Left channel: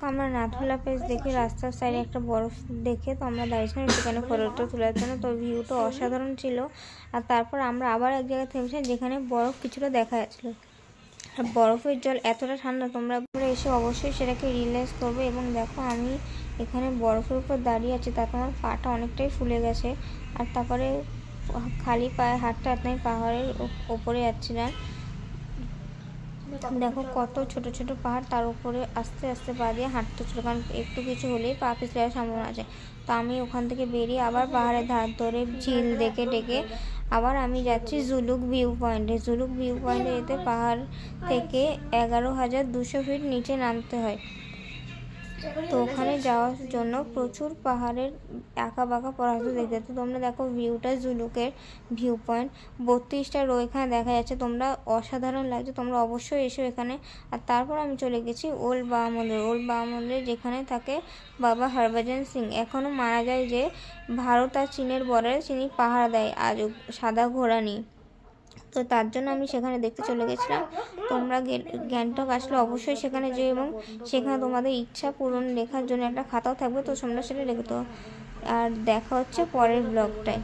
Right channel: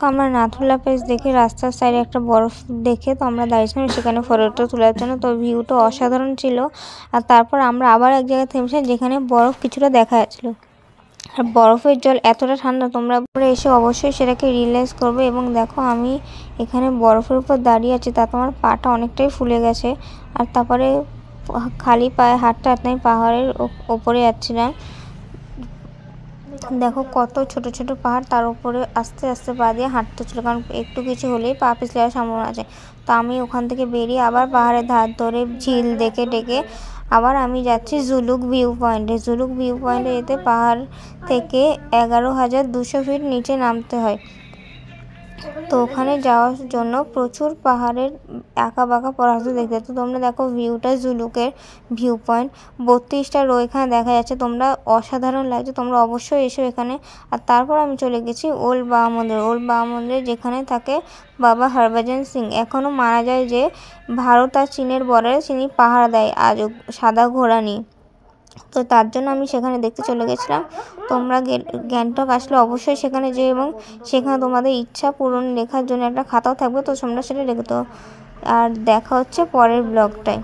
দেখো আমরা নাথুলা পেজ দেখে রাস্তার সাইডে একটা বরফ দেখে তো আমরা দাঁড়িয়েছিলাম সেখানে ফটোটা তোলার জন্য। তো ভিউটা অসাধারণ ছিল। আর তারপর আমরা আবার এক জায়গায় থেমেছিলাম যেখানে বরফ কিছুটা দেখা যাচ্ছিল। আর বরফের জল এতটা ঠান্ডা, তোমরা উপরে এসে অবশ্যই সেটাকে রিয়েলাইজ করবে। এবং দেখো আমি এখানে বরফের উপর দাঁড়িয়ে আছি, তাতে আমার পাটা অনেকটাই ফুলে গেছে। আর তারপরে খালি পায়ে হাঁটতে হাঁটতে আমি পাহাড়ের ওপরে যাচ্ছিলাম। দেখো কত ছোট ছোট পাহাড়, তার উপরে আস্তে আস্তে পা দিয়ে হাঁটতে ছিল, কারণ একটু কিছু হলেই পা পিছলে যাওয়ার সম্ভাবনা আছে। তো আমি ওখান থেকে বেরিয়ে আবার পাহাড়ের ধার ধরে ঝিল দেখে ডেকে আবার আমি যাচ্ছি জুলুক ভিউ পয়েন্টে। জুলুক ভিউ পয়েন্টে যেতে পাহাড় থেকে 11,200 ফিট নিচে নামতে হয়। তো ওখানে যাওয়ার জন্য প্রচুর পাহাড়ের আঁকা বাঁকা পরাস্ত দেখতে। তো তোমরা দেখো ভিউটা জুলুকের ভিউ পয়েন্ট 32টা রো এখানে দেখা যাচ্ছে, তোমরা অসাধারণ লাগছে, তোমরা অবশ্যই এসো এখানে। আর তারপর আমি চলে গেছি ওল্ড বাবা মন্দির। ওল্ড বাবা মন্দিরে যেখানে থাকে বাবা হরভজন সিং। এখনও মানা যায় যে ভারত আর চীনের বর্ডারে তিনি পাহারা দেয় আজও সাদা ঘোড়া নিয়ে। তো তার জন্য আমি সেখানে দেখতে চলে গেছিলাম। তোমরা গ্যাংটক আসলে অবশ্যই সেখানে যেও, এবং সেখানে তোমাদের ইচ্ছা পূরণ লেখার জন্য একটা খাতাও থাকবে, তো তোমরা সেটা রেখে দাও। আর দেখা হচ্ছে পরের ব্লগটায়।